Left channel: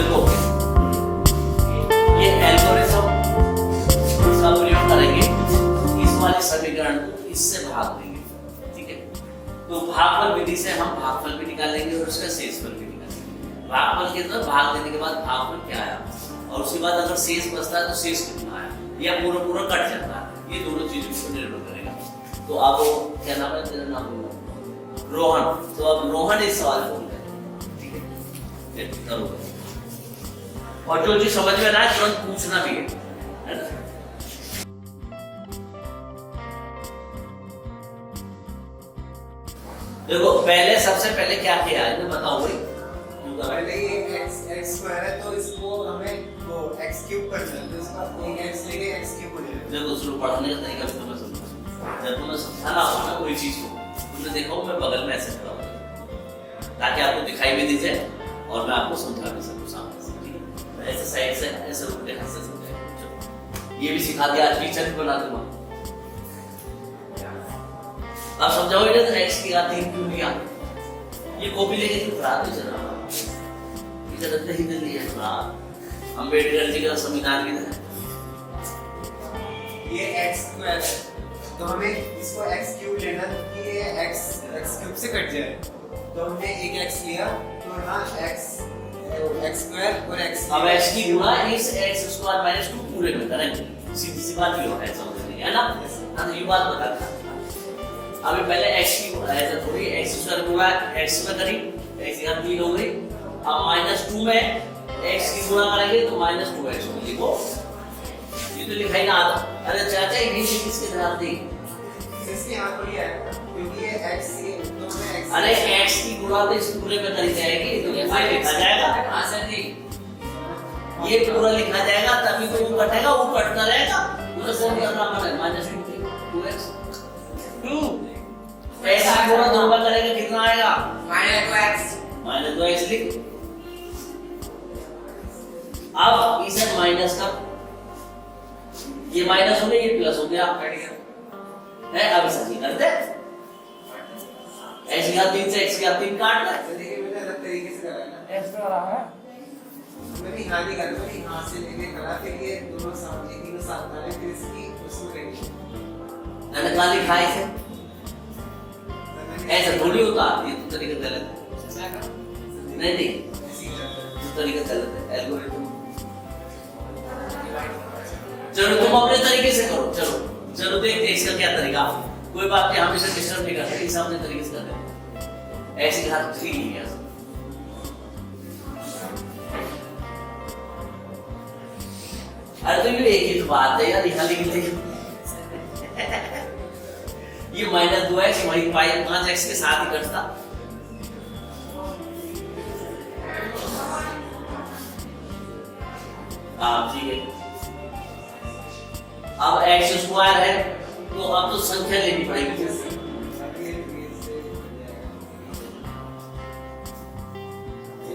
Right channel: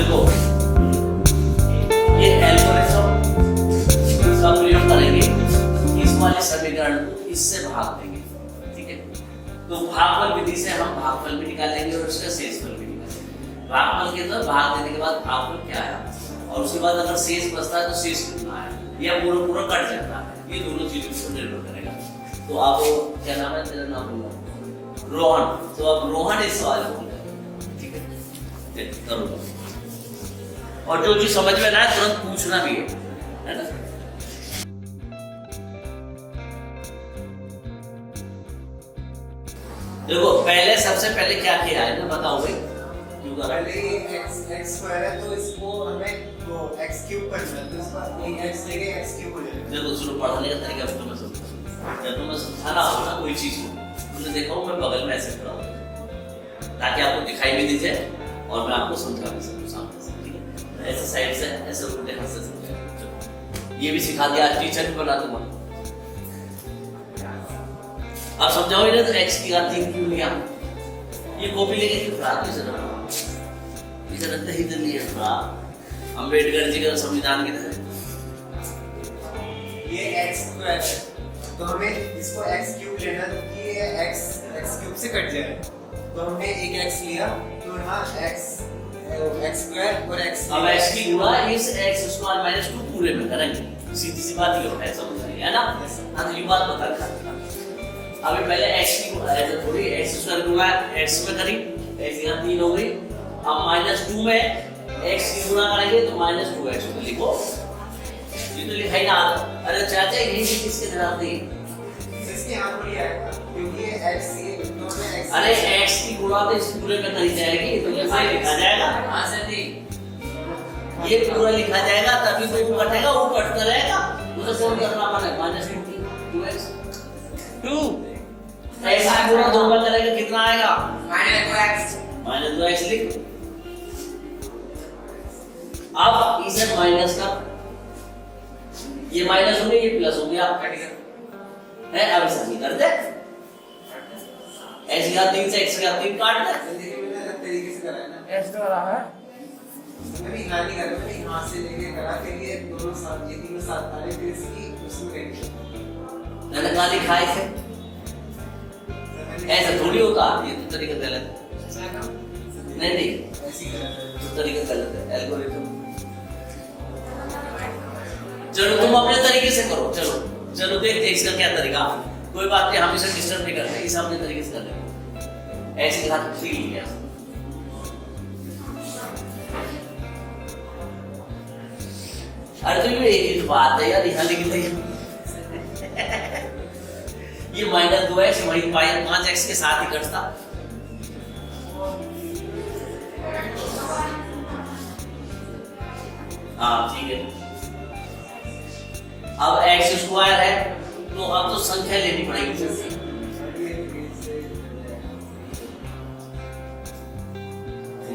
देखो ये एल्गोरिथम का प्रयोग करेंगे, इस वाले समीकरण को इससे भाग देंगे, ठीक है। तो भागफल विधि से हम भागफल भी निकालेंगे और उसका शेषफल भी निकालेंगे। भागफल के अंदर भाग देने के बाद भागफल क्या आया और उसके बाद अगर शेष बचता है तो शेष कितना आया या पूरा पूरा कट जाता है, ये दोनों चीजों पर निर्भर करेगा। तो आप क्या नाम है, मेरा नाम रोहन, तो अब रोहन इस सवाल को ठीक है करो, और जो चीज समझ में ना आए तुरंत पूछना भी है ना। देखो पहले सबसे पहले क्या किया है ना बताओ भाई। पहले ये x स्क्वायर है तो इसको हमें वो x क्यूब करना है, तो इसका एक x लेके x क्यूब हो जाएगा। देखो शुरू पढ़ने का तरीका भी तुम्हें समझ, जब तुम्हें समझाना होगा ना कोई चीज को, तुमने देखा हो मैं बगल में ऐसे खड़ा हूँ ताकि आपको दिखाई भी दीजिए और मैं आपको समझा भी सकूं सामने से, ठीक है। ऐसे साइड से ऐसे उल्टे हाथ से समझाएं, ये भी सिखा दिया, टीचर भी बना दूंगा। आप समझाओगे ना तो x की घात 3 क्यों लिया, ये कॉपी लेके क्यों खड़ा है जरा इसे रखते ही दिल नहीं है। अम्बेडकर जी का संविधान की तरह ये x स्क्वायर है तो हमें इसको x क्यूब लेना है, कि ये x क्यूब से कट जाए, तो हमने एक x लिया तो यहाँ x स्क्वायर और x अब x की गुणा इस x स्क्वायर माइनस 2 पूरे में करेंगे, सीधी सी बात ये है, समझ में है ना। हम ये बात बता रहा था अभी पहले x की गुणा ऐसे थोड़ी x स्क्वायर गुणा x में करी x की घात 3 हो गई, अब -2 में x की गुणा करेंगे तो -2x को लिखो, ये तो लिखा ही ना आता। अरे चाचा ये किसके जवाब दी, इसके यहाँ थोड़ी है क्योंकि ये x ये तो में x, अरे x की गुणा तो इस पूरे में करी जाएगी तो ये फाइल लिखा जाएगा। हां सर जी ये पूरा लिखा जाएगा तभी तो वो कटेगा, वो कटता रहेगा उधर से भी अपना मान है -2x 2 x की गुणा 2 में करेंगे कितना आएगा -2x लिख। अब इसे माइनस का ये माइनस हो गया, ये प्लस हो गया, है अब ऐसा करते ऐसे का 3 से x का 3 काट दे। देखिए मैंने अलग तरीके से करा है ना, ऐसे हो रहा है, मैंने यहाँ नहीं करा, मैंने यहाँ से लेके करा, फिर ये दोनों साथ ये तीनों साथ डाले, फिर इसकी उसमें करेंगे मैंने कहा दिखाई से ऐसे थोड़ी होता, ये तो तरीका गलत है। नहीं नहीं ऐसे ही करना है। तो तरीका गलत है, एल्गोरिथम। चलो तुम अपने तरीके से करो, चलो देखते हैं इसका क्या तरीका। कोई बात नहीं, हम इसे डिस्टर्ब नहीं करते, इसे अपने तरीके से कर लेंगे। ऐसे घात 3 लिया, अरे तो ये एक ही बात है यार, यहाँ लिख दी ये -2x वही 5x के साथ ही घटता। हाँ ठीक है, अब x स्क्वायर है तो अब तो संख्या लेनी पड़ेगी।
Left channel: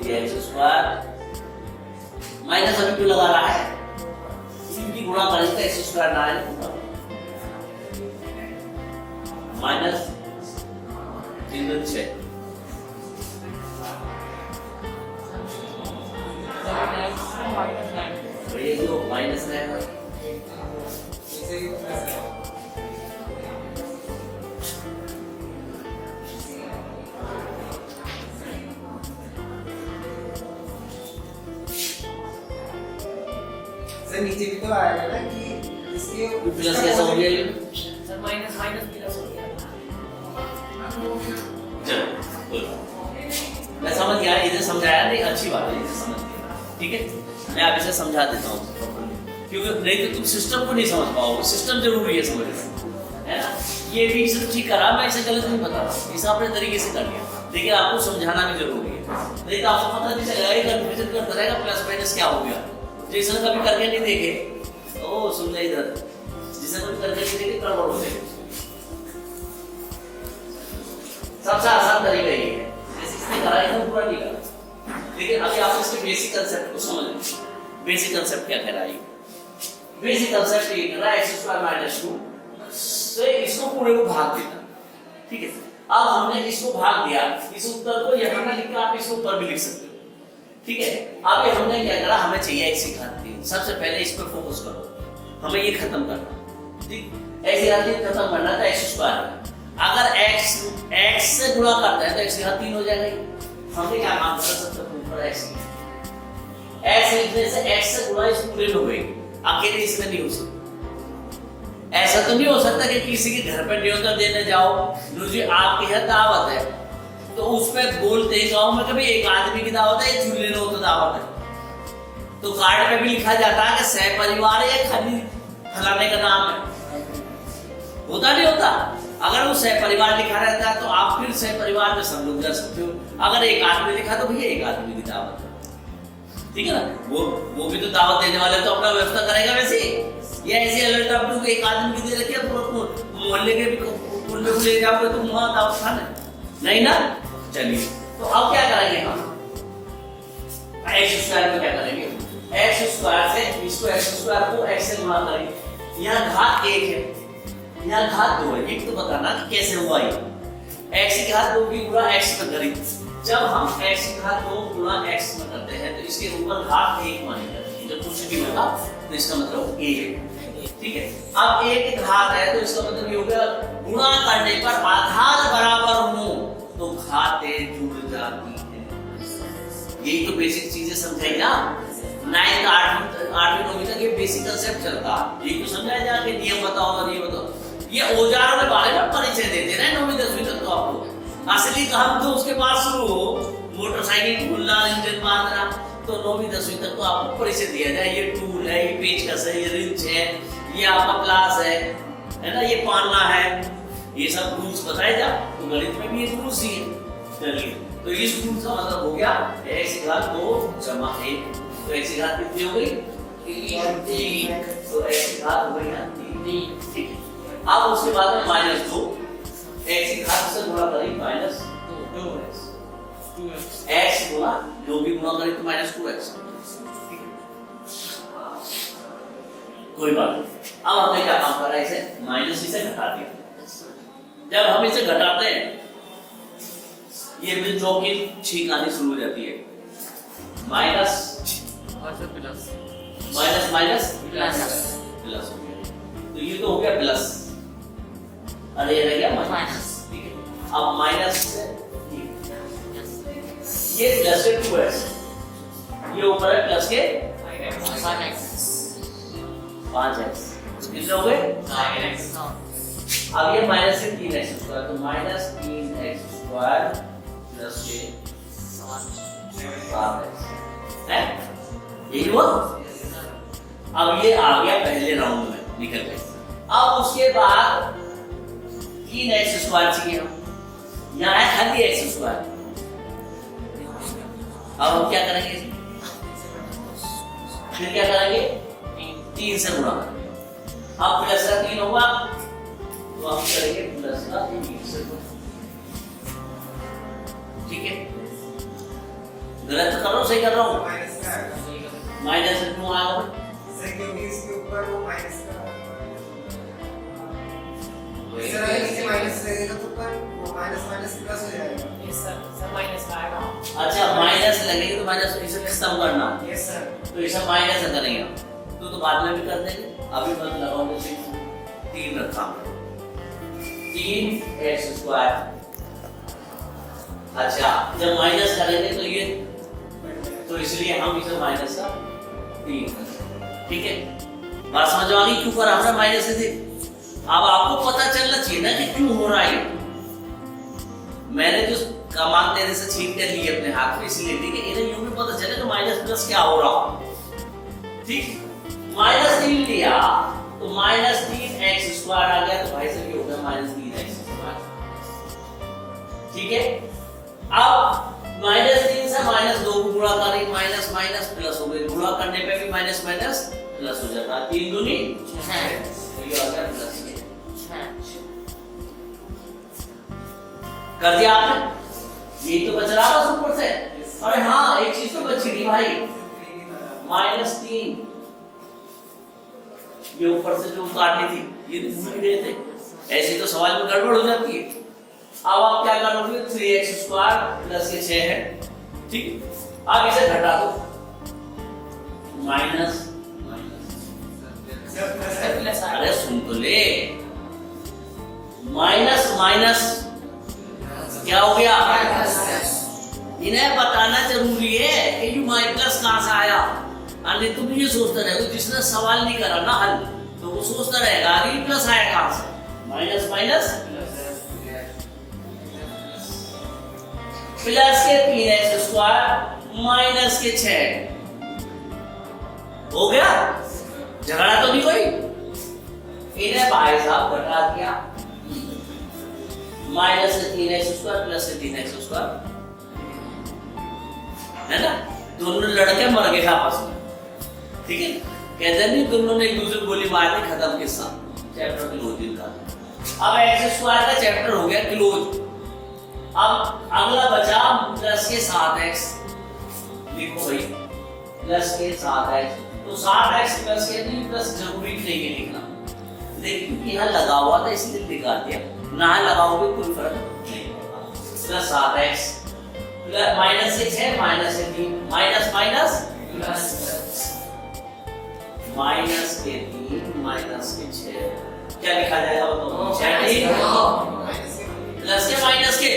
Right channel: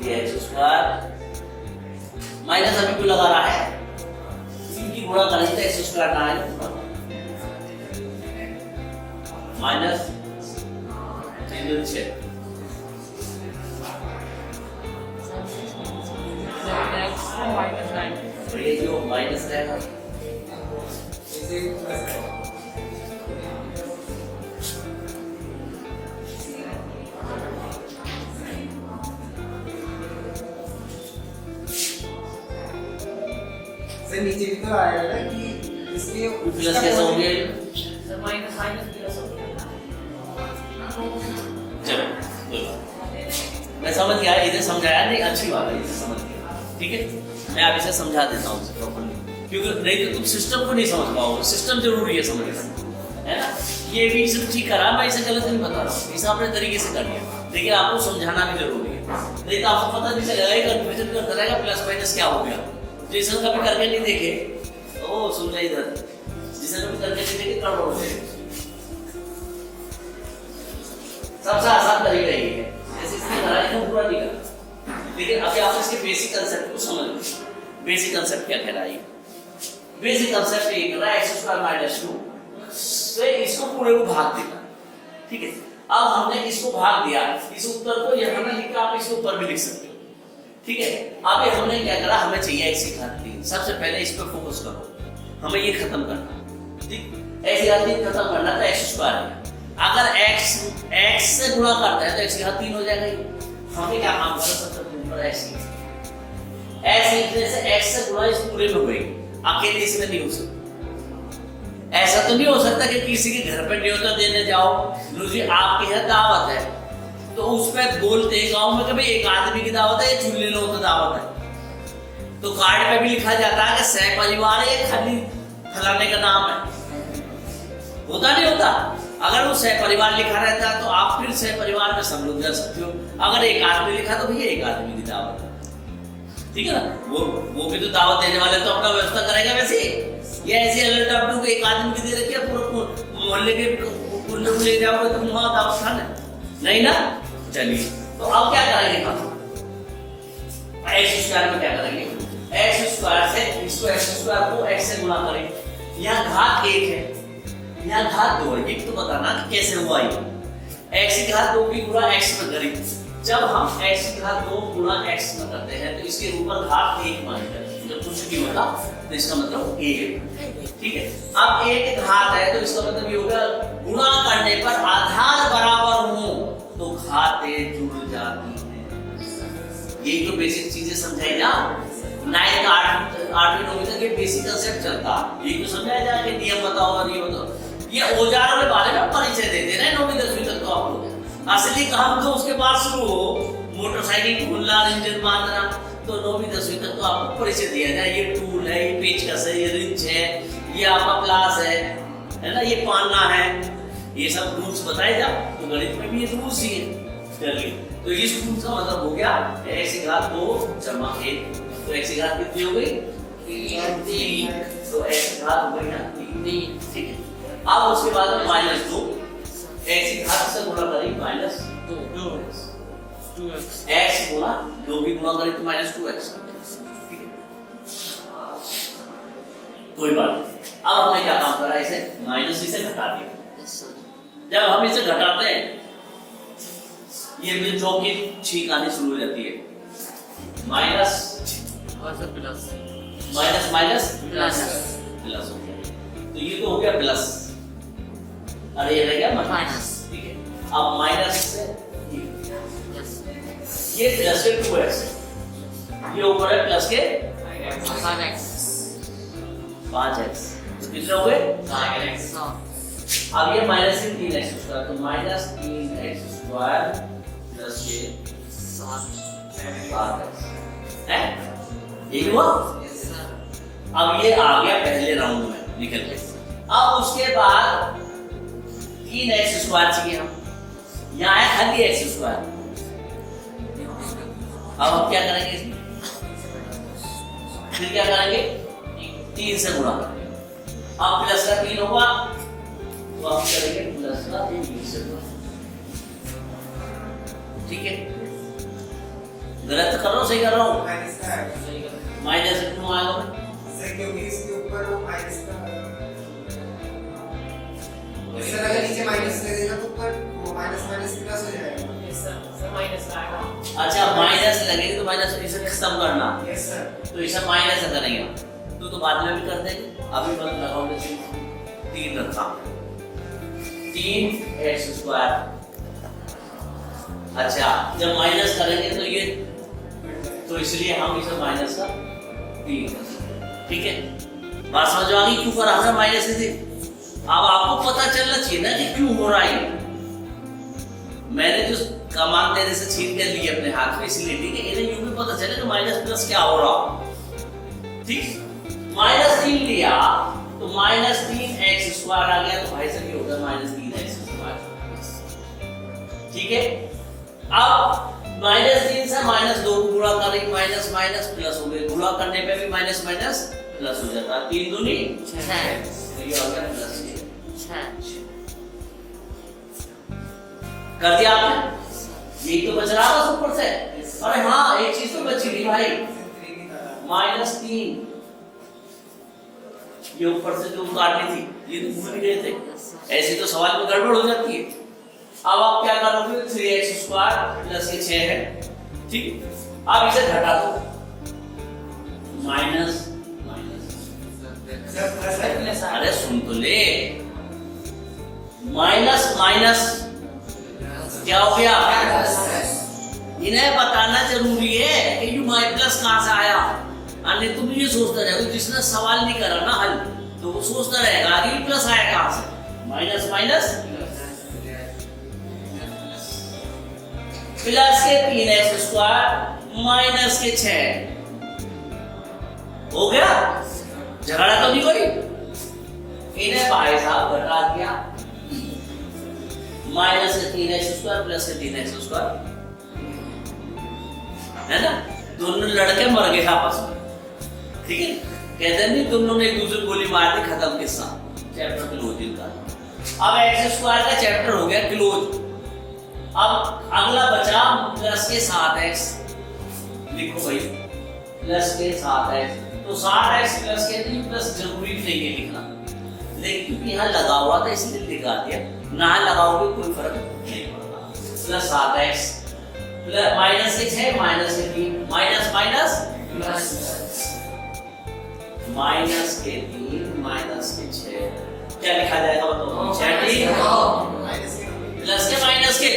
ये x स्क्वायर माइनस अभी क्यों लगा रहा है, इनकी गुणा करेंगे तो x स्क्वायर ना आए माइनस 3 तो ये जो माइनस रहेगा इसे प्लस है। सर नीचे भी तो आएगा ना कि इसके प्लस कैसे हो गया ये, सर माइनस प्लस हो गया। चलो बोलो, मैं समझ गया, इधर समझाया नहीं, अच्छी बात है, इसे समझ गया, ठीक है। मैं आप इसे समझा देता हूँ प्रॉपर्ली, क्योंकि नहीं तो तुम सिस्टम को नहीं समझ पाओगे, सिस्टम जरूरी है समझना, है ना। ये भी इसे ठीक करा, मैं इसे गलत नहीं बता रहा हूँ, इसे अपने तरीके से कर लिया, लेकिन आपको समझाना भी जरूरी है, नहीं तो आपको पता नहीं चलेगा, कंफ्यूजन करता रहेगा प्लस माइनस क्या हो गया। जिसने कभी करके नहीं देखे ओ सुन ले इधर, जिसने कभी करके नहीं देखे गड़बड़ हो जाएगी। सबसे आसान तरीका यही है, इसकी तरह एकदम पूरा नहीं करना, लेकिन अभी आप इसके बेसिक कंसेप्ट को समझ लो। बेसिक कंसेप्ट क्या कह रहा है, बेसिक कंसेप्ट ये कह रहा है x स्क्वायर -2 से इसको पूरे को भाग देना, ठीक है। अब हमने इसको भाग दिया, इस उत्तर को यहाँ ना लिखकर आप इसको ऊपर भी लिख सकते हो, ठीक है। अब ये हमने क्या करा, हमें चाहिए x की घात 3। सबसे पहले इस पर फोकस करो, हमें ये खत्म करना, ठीक। x की घात 3 खत्म करना तो x स्क्वायर है। अगर x से गुणा करता है तो x की घात 3 हो जाएगा। हमने क्या काम करा, सबसे ऊपर x लिखने से x से गुणा इस पूरे में होगी, अकेले इसमें नहीं हो सकता। ऐसा तो नहीं हो सकता कि किसी के घर पे न्योता देने जाओ, लो जी आपके यहाँ दावत है, तो उस पर बोलते हैं गांव में कभी एक आदमी की दावत है, ये चूल्हे लो तो दावत है, तो कार्ड पे भी लिखा जाता है कि सह परिवार है, खाली फलाने का नाम है। होता नहीं होता। अगर वो सह परिवार लिखा रहता है तो आप फिर सह परिवार में सब लोग जा सकते हो। अगर एक आदमी लिखा तो भैया एक आदमी की दावत है, ठीक है ना। वो भी तो दावत देने वाले तो अपना व्यवस्था करेगा वैसे, या ऐसे अलर्ट आप लोग एक आदमी की दे रखी है, पूरा मोहल्ले के कुल्ले को ले जाओगे तो वहां दावत खाना नहीं ना। चलिए तो अब क्या करेंगे हम, एक्स स्क्वायर में क्या करेंगे, एक्स स्क्वायर से इसको एक्स स्क्वायर को एक्स से गुणा करें। यहाँ घात 1 है, यहाँ घात 2 है। एक तो बताना कि कैसे हुआ ये, एक्स की घात 2 की गुणा एक्स में करें। जब हम एक्स की घात 2 गुणा एक्स में करते हैं तो इसके ऊपर घात 1 मानी जाती है। जब कुछ भी होगा तो इसका मतलब a है, ठीक है। अब a की घात है तो इसका मतलब ये होगा गुणा करने पर आधार बराबर हो तो घातें जुड़ जाती है। यही तो बेसिक चीजें समझाई ना, 9th 8वीं 9वीं तक ये बेसिक कंसेप्ट चलता है। यही तो समझाया जाए कि नियम बताओ और ये बताओ। ये औजारों के बारे में परिचय देते रहे 9वीं 10वीं तक तो आपको। असली काम तो उसके बाद शुरू हो, मोटरसाइकिल खोलना, इंजन बांधना, तो 9वीं 10वीं तक तो आपको परिचय दिया जाए। ये टूल है, ये पेचकस है, ये रिंच है, ये आपका प्लास है ना, ये पाना है, ये सब रूल्स बताए जाओ। तो गणित में भी ये रूल्स ही है। चलिए तो इस रूल्स का मतलब हो गया x की घात 2 जमा 1, तो x की घात कितनी हो गई 3, तो x की घात हो गई 3, ठीक है। अब उसके बाद में -2, x की घात से गुणा करें -2x, x गुणा 2 की गुणा करें तो -2x, ठीक है। कोई बात नहीं। अब हमने क्या काम करा, इसे माइनस इसे घटा दिया। जब हम इसे घटाते हैं ये मिल चौक की छींक आनी शुरू हो जाती है। Minus plus minus minus plus हो गया, तो ये तो हो गया प्लस, अरे ये रह गया माइनस, ठीक है। अब माइनस से ये प्लस से 2x, ये ऊपर है प्लस के 5x, तो कितने हो गए 9x। अब ये माइनस से 3x स्क्वायर, तो माइनस 3x स्क्वायर प्लस के 7x है, यही हुआ। अब ये आ गया पहले राउंड में निकल के। अब उसके बाद 3x स्क्वायर चाहिए हम, यहाँ है खाली x स्क्वायर। अब हम क्या करेंगे, फिर क्या करेंगे 3 से गुणा करेंगे। अब प्लस का 3 होगा तो आप करेंगे प्लस का 3 से गुणा, ठीक है। गलत कर रहा हूँ सही कर रहा हूँ, माइनस से क्यों आएगा भाई, क्योंकि इसके ऊपर वो माइनस का इस तरह नीचे माइनस लगेगा तो ऊपर वो माइनस माइनस प्लस हो जाएगा। यस सर माइनस का आएगा। अच्छा माइनस लगेगी तो माइनस इसे खत्म करना, यस सर, तो इसे माइनस से करेंगे तो बाद में भी कर देंगे। अभी मत लगाओ, जैसे 3 रखा, 3x स्क्वायर। अच्छा जब माइनस करेंगे तो ये, तो इसलिए हम इसे माइनस का 3, ठीक है। बात समझ आ गई क्यों करा हमने माइनस से। अब आपको पता चलना चाहिए ना कि क्यों हो रहा है। मैंने जो कमान तेरे से छीन कर ली अपने हाथ में, इसलिए ठीक है, इन्हें यूं भी पता चले कि माइनस प्लस क्या हो रहा, ठीक। -3 लिया तो -3x स्क्वायर आ गया, तो भाई साहब ये होगा -3x स्क्वायर, ठीक है। अब -3 से -2 को गुणा करें, माइनस माइनस प्लस हो गई, गुणा करने पे भी माइनस माइनस प्लस हो जाता है, 3 दूनी 6, ये हो गया प्लस 6 कर दिया आपने। यही तो बच रहा बस ऊपर से। अरे हाँ एक चीज तो बची नहीं भाई, -3 ये ऊपर से जो काटनी थी ये तो भूल गए थे, ऐसे तो सवाल में गड़बड़ हो जाती है। अब आप क्या करोगे, 3x स्क्वायर प्लस ये 6 है, ठीक है। अब इसे घटा दो, माइनस माइनस, प्लस आएगा। अरे सुन तो ले, माइनस माइनस क्या हो गया? इन्हें बताना जरूरी है कि यू माई प्लस कहां से आया। अन्य तुम ये सोचते रहोगे, जिसने सवाल नहीं करा ना हल, तो वो सोचता रहेगा कि प्लस आया कहां से। माइनस माइनस प्लस के 3x² माइनस के 6 हो गया। झगड़ा तो नहीं कोई। इन्हें भाई साहब घटा दिया, माइनस के 3x² प्लस के 3x², है ना। दोनों लड़के मर गए आपस में, ठीक है। कहते नहीं दोनों ने एक दूसरे को गोली मार दी, खत्म किस्सा, चैप्टर क्लोज इनका। अब x² का चैप्टर हो गया क्लोज। अब अगला बचा प्लस के 7x, लिखो भाई प्लस के 7x। तो 7x प्लस के 3 प्लस जरूरी नहीं है लिखना, लेकिन यहाँ लगा हुआ था इसलिए लिखा दिया, ना लगाओगे कोई फर्क नहीं पड़ता। प्लस 7x प्लस माइनस के 6 माइनस के 3 माइनस माइनस प्लस माइनस के 3 माइनस के 6 क्या लिखा जाएगा बताओ? ठीक, प्लस के माइनस के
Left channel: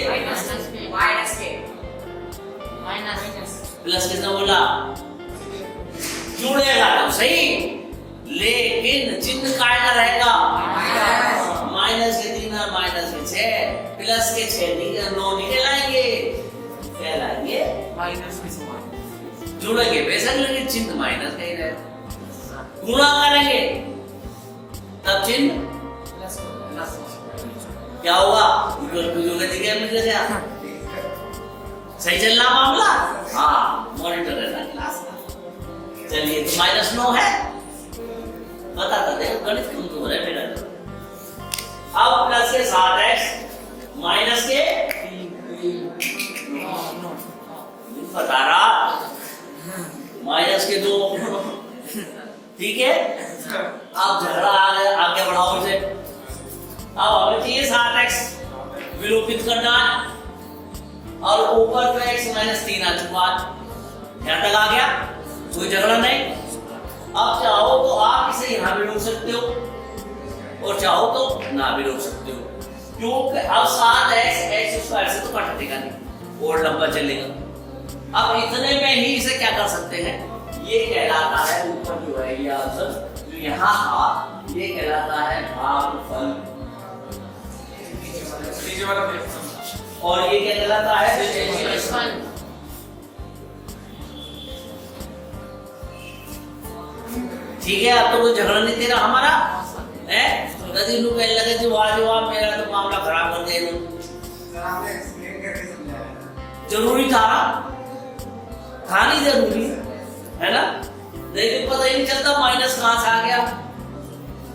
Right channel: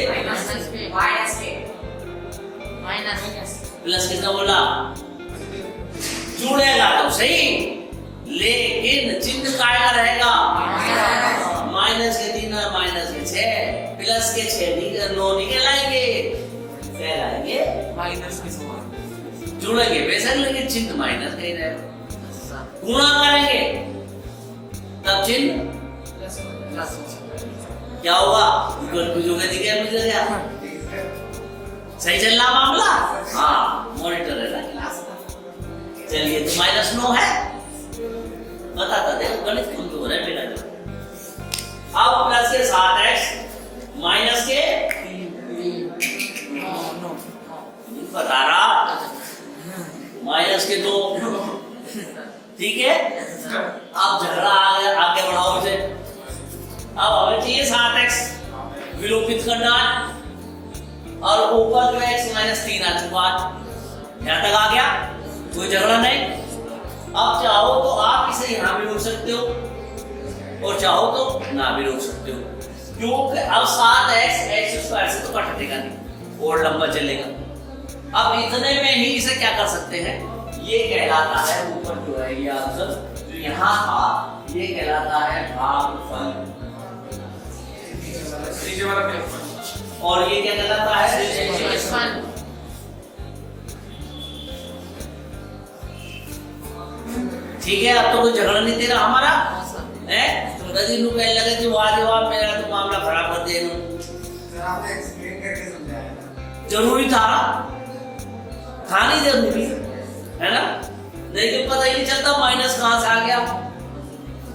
प्लस कितना बोला? जुड़ेगा तो सही, लेकिन चिन्ह काय का रहेगा? माइनस के 3 और माइनस के 6, प्लस के 6 9 निकल आएंगे, कहलाएंगे माइनस के समान जुड़ेंगे बेशक, लेकिन चिन्ह माइनस का ही रहेगा। गुणा करेंगे तब चिन्ह प्लस क्या होगा? दिखे मुझे क्या सही चल रहा मामला? हाँ, मॉनिटर है ना क्लास का। चलिए तो -9 है, बताता देखो गणित कमजोर है मेरा। अब प्लस के 7x माइनस के 9 बता रहा, माइनस के 2, ठीक है। अब झगड़ा आगे बढ़ाओ इसे। अब हमें चाहिए 7x विलोपित करना है, और ऊपर जो x माइनस 3 आ चुका है, यहां तक आ गया, कोई झगड़ा नहीं। अब चाहो तो आप इसे यहां भी रोक सकते हो, और चाहो तो ना भी रोक सकते हो, क्योंकि अब 7x x² से तो कटेगा नहीं और लंबा चलेगा। अब इतने में ही इसे क्या कर सकते हैं, ये कहलाता है ऊपर जो है ये आंसर जो यहाँ था, ये कहलाता है भागफल, और ये क्या कहलाता है? ठीक है। अब तो कोई झगड़ा नहीं दे रहा हमारा है, तो कहने लगे जी वाह जवाब, मेरा तो मामला खराब कर दिया। जरूरी था नहीं जरूरी, है ना। नहीं तो पता ही नहीं चलता माइनस कहां से आ गया।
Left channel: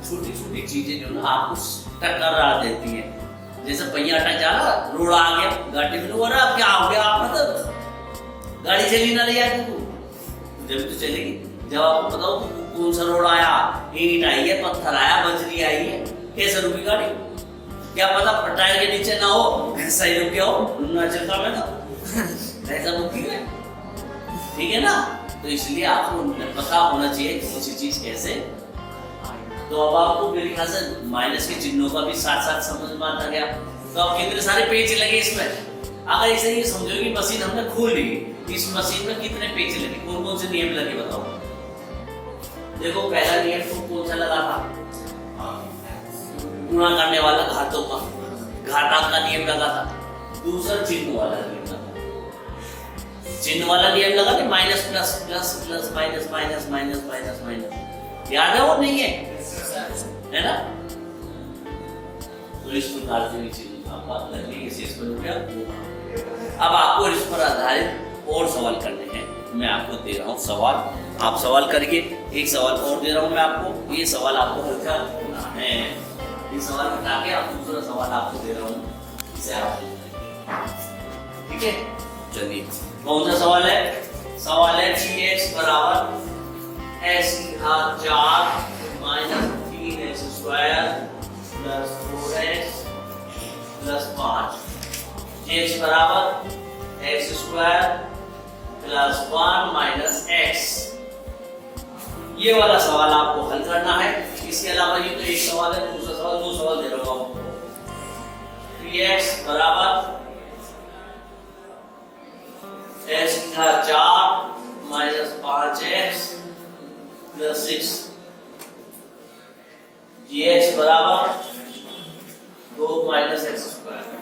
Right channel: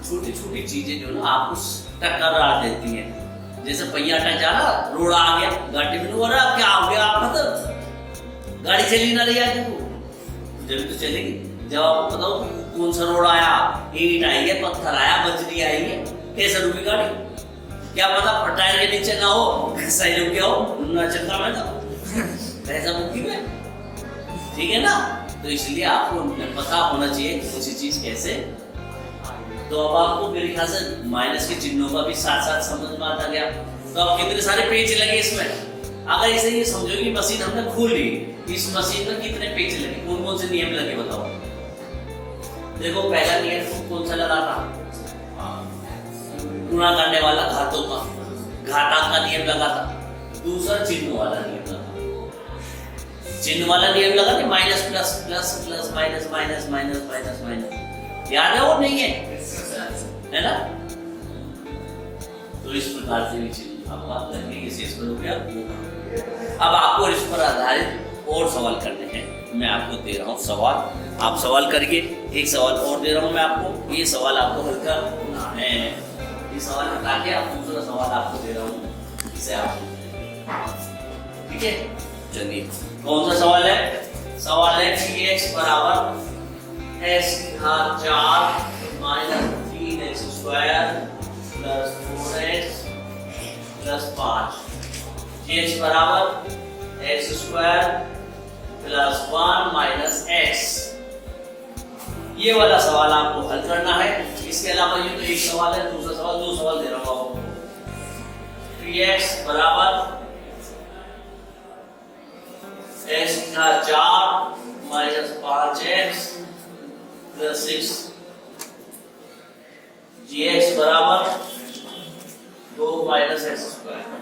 छोटी छोटी चीजें जो ना आपको टक्कर देती हैं, जैसे पहिया अटक जाना, रोड़ा आ गया, गाड़ी में हो रहा, अब क्या हो गया? आप मतलब गाड़ी चली ना रही है, जब तो चलेगी। जब आपको पता हो कौन सा रोड आया, ईंट आई है, पत्थर आया, बजरी आई है, कैसे रुकी गाड़ी? क्या पता टायर के नीचे ना हो, सही रुक गया हो, ना चलता मैं तो ऐसा बुकिंग है, ठीक है ना। तो इसलिए आपको पता होना चाहिए कौन सी चीज कैसे। तो अब आपको मेरे ख्याल से माइनस के चिन्हों का भी साथ साथ समझ में आता गया। तो अब कितने सारे पेज लगे इसमें, अगर इसे ये समझो कि मशीन हमने खोली, इस मशीन में कितने पेज लगे, कौन कौन से नियम लगे बताओ। देखो पहला नियम कौन सा लगा था? गुणा करने वाला घातों का, घातांक का नियम लगा था। दूसरा चिन्ह वाला नियम लगा, चिन्ह वाला नियम लगा कि minus plus plus plus minus minus minus minus minus, याद है वो नहीं है ना। तो इस प्रकार से चिन्ह आपका लगने के शेष पर हो गया। अब आपको इस पर आधारित और सवाल करने हैं, मैं आपको दे रहा हूँ सवाल, आप सवाल करके एक सवाल और दे रहा हूँ मैं आपको, ये सवाल आपको हल करना है। ये सवाल हटा के आप दूसरा सवाल आपको दे रहा हूँ, इसे आप ठीक है। चलिए कौन सा सवाल है? सवाल है कि x बराबर x की घात 4 minus 3x square plus 4x plus 5, x बराबर x square plus 1 minus x. ये वाला सवाल आपको हल करना है। इसके अलावा ये तो एक सवाल है, दूसरा सवाल, दो सवाल दे रहा हूं आपको। 3x बराबर x का 4 माइनस 5x प्लस 6। gx बराबर 2 माइनस एक्स स्क्वायर।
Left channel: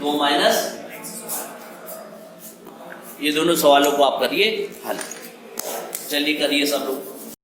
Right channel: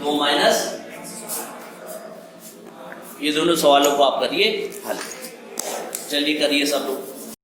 दो माइनस, ये दोनों सवालों को आप करिए हल। चलिए करिए सब लोग।